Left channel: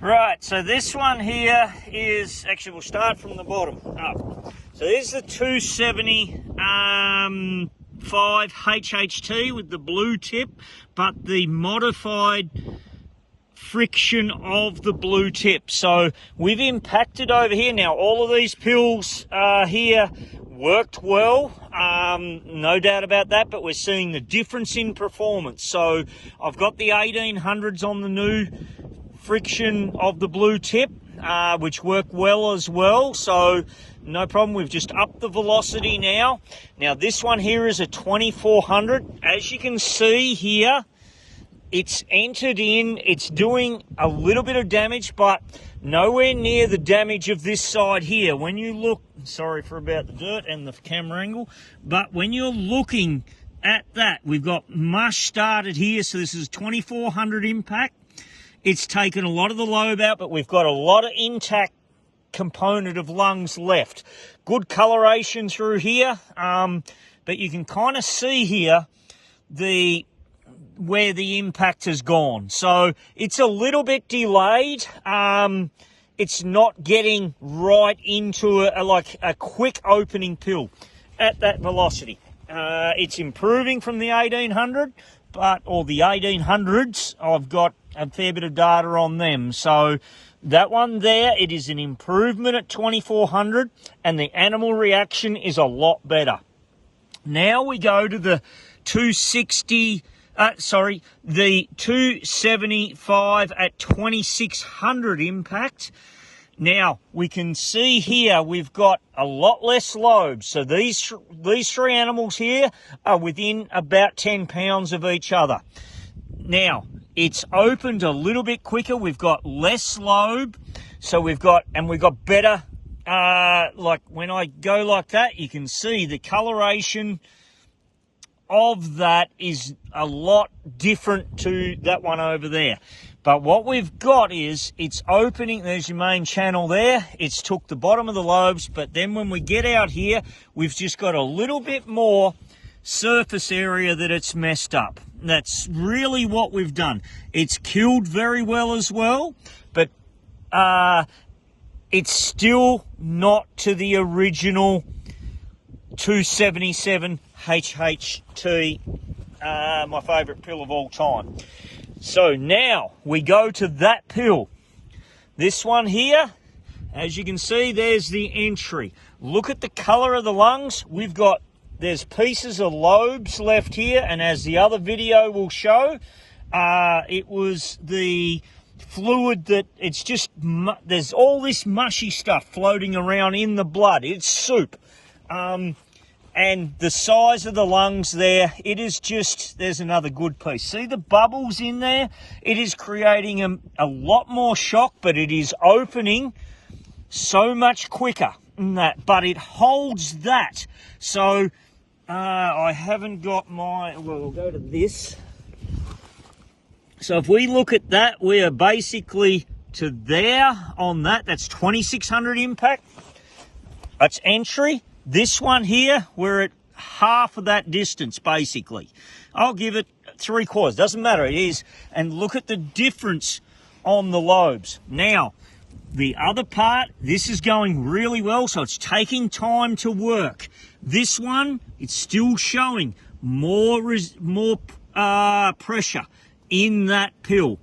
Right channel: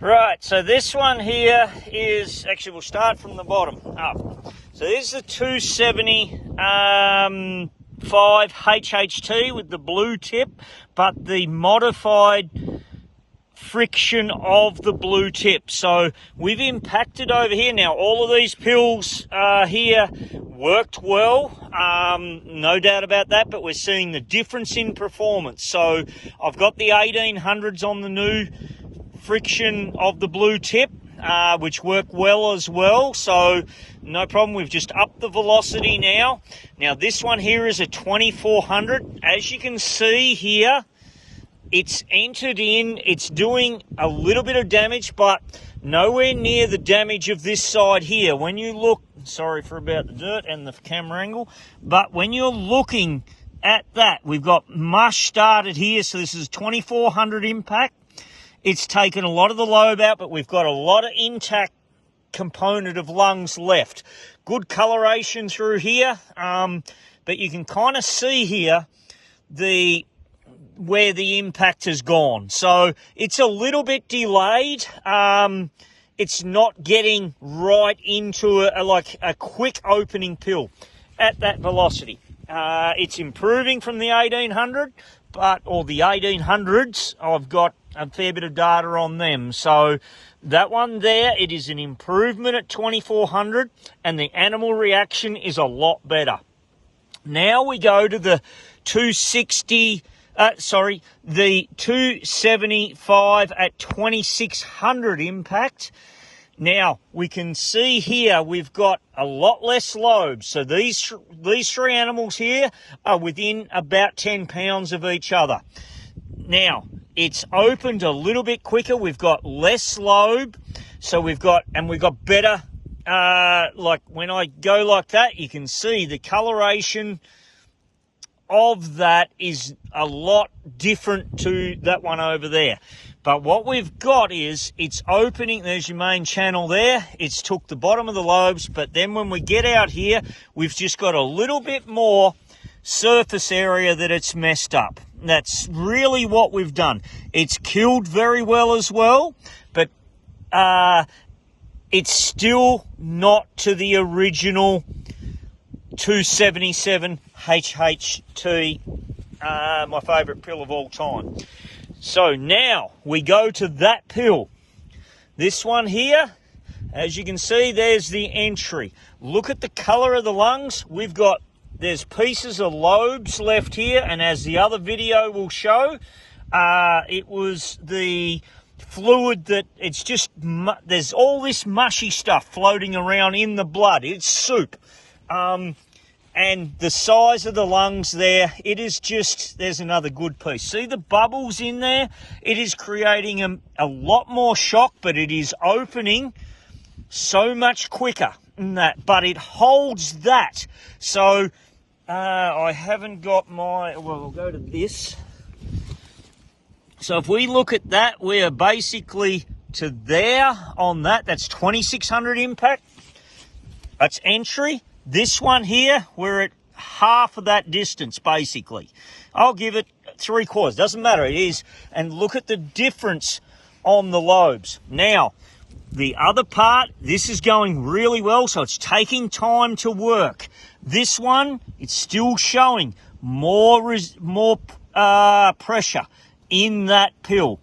Right, so this one here is, actually we'll start from the bottom up. So this is the 275 HHT with the blue tip, but the modified friction of the blue tip. So we've impacted over here. Now all of these pills here worked well, no doubt about that, but we're seeing the difference in performance. So I've got the 1800s on the new friction of the blue tip, which work well as well, so no problem. We've just upped the velocity now. Now this one here is a 2400. As you can see here, it's entered in, it's doing a little bit of damage, but nowhere near the damage of this side here. When you look, sorry for about the dirt and the camera angle, but when you're looking at that, we've got mush started here, so this is 2400 impact. It's taken a lot of the lobe out, but we've got a lot of intact component of lungs left. Good coloration through here, but you can kind of see here where the impact has gone. So it's a little bit delayed. It's not getting right into a quick opening pill at that velocity. It's improving from the 1800, or the 1800s. I've got a fair bit of data on them. So that one there, it is an improvement at 2400, and the animal reaction is a lot better. Now we go to the 275 at 2600 impact. Now we can see here we've got a lot less lobes. So these three animals here are within about 10 pounds of each other. Now it's opened a little bit quicker. We've got less lobe, so we've got better. Like when I go like that, you can see the coloration of that is a lot different to that one over there. But what we've got is it's opening. There's your main channel there. It's took the bottom of the lobes, but then when we get out here, we've just got a little bit more surface area that it's messed up. That's really what we've done. It's killed very well as well, but it's still not to the original 277 HHT, my favourite pill of all time. So now we go to that pill. This one here, as you can see, there's the entry. Look at the colour of the lungs. There's pieces of lobes left here, and as the other video will show, it was the fluid that it's just, there's all this mushy stuff floating around in the blood. It's soup. And the size of the lungs there, it is just, there's another good piece. See the bubbles in there? It is creating a lot more shock, but it is opening so much quicker than that. But it holds that. So I haven't got well, we'll go to this. So if we look at that, we are basically to there on that. That's 2600 impact. That's entry. This one here, we're at half of that distance, basically. I'll give it 3/4. Doesn't matter, it is. And look at the difference on the lobes. Now, the other part, this is going really well, so it's taking time to work. This one, it's still showing more pressure in that pill,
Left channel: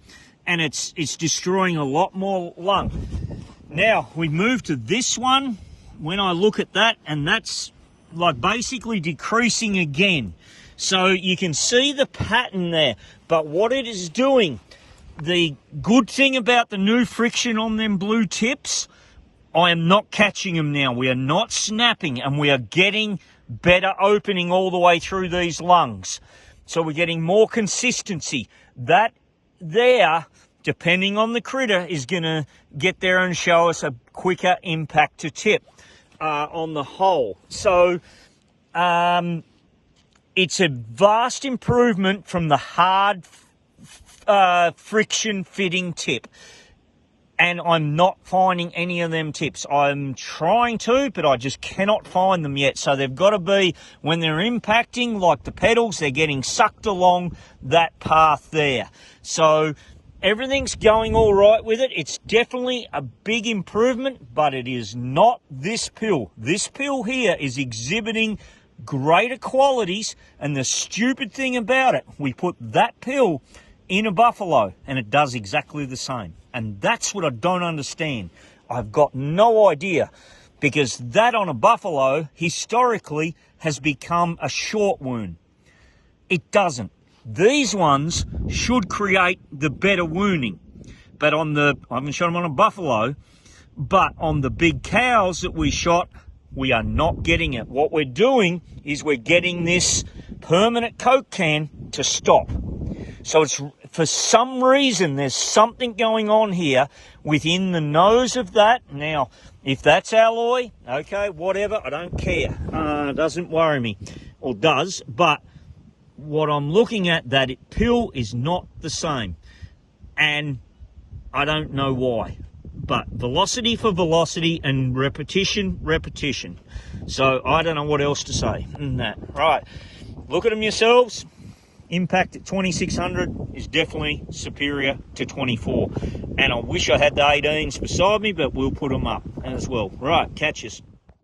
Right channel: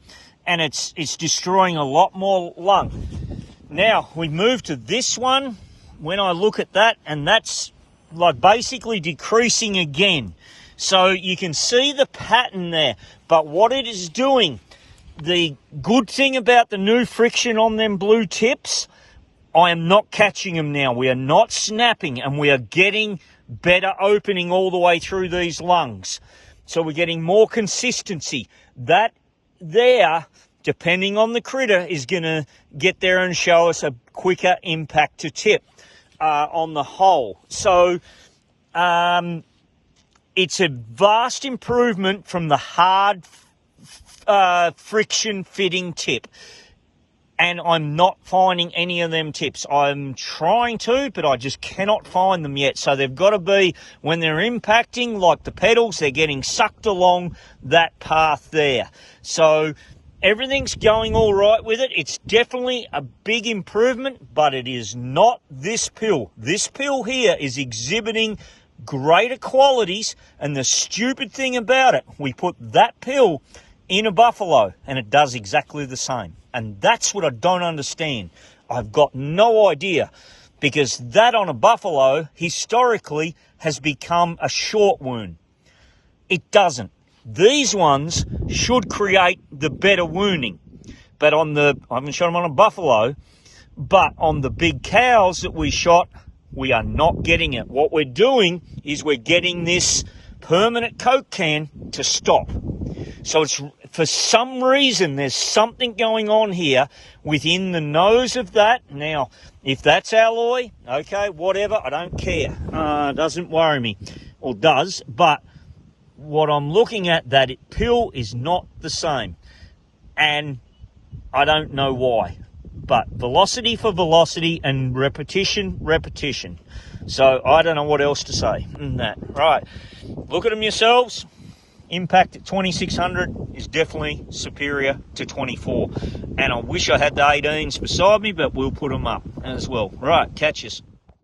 and it's destroying a lot more lung. Now, we move to this one. When I look at that, and that's like basically decreasing again. So you can see the pattern there, but what it is doing, the good thing about the new friction on them blue tips, I am not catching them now. We are not snapping, and we are getting better opening all the way through these lungs. So we're getting more consistency. That there, depending on the critter, is going to get there and show us a quicker impact to tip on the whole. So it's a vast improvement from the hard friction fitting tip. And I'm not finding any of them tips. I'm trying to, but I just cannot find them yet. So they've got to be, when they're impacting, like the pedals, they're getting sucked along that path there. So everything's going all right with it. It's definitely a big improvement, but it is not this pill. This pill here is exhibiting greater qualities, and the stupid thing about it, we put that pill in a buffalo and it does exactly the same. And that's what I don't understand. I've got no idea, because that on a buffalo historically has become a short wound. It doesn't. These ones should create the better wounding. But I haven't shot them on a buffalo, but on the big cows that we shot, we are not getting it. What we're doing is we're getting this permanent Coke can to stop. So it's, for some reason, there's something going on here within the nose of that. Now, if that's alloy, okay, whatever, I don't care. It doesn't worry me, or does, but what I'm looking at, that pill is not the same. And I don't know why. But velocity for velocity and repetition. So I don't know what else to say in that. Right, look at them yourselves. Impact at 2600 is definitely superior to 24. And I wish I had the 18s beside me, but we'll put them up as well. Right, catch us.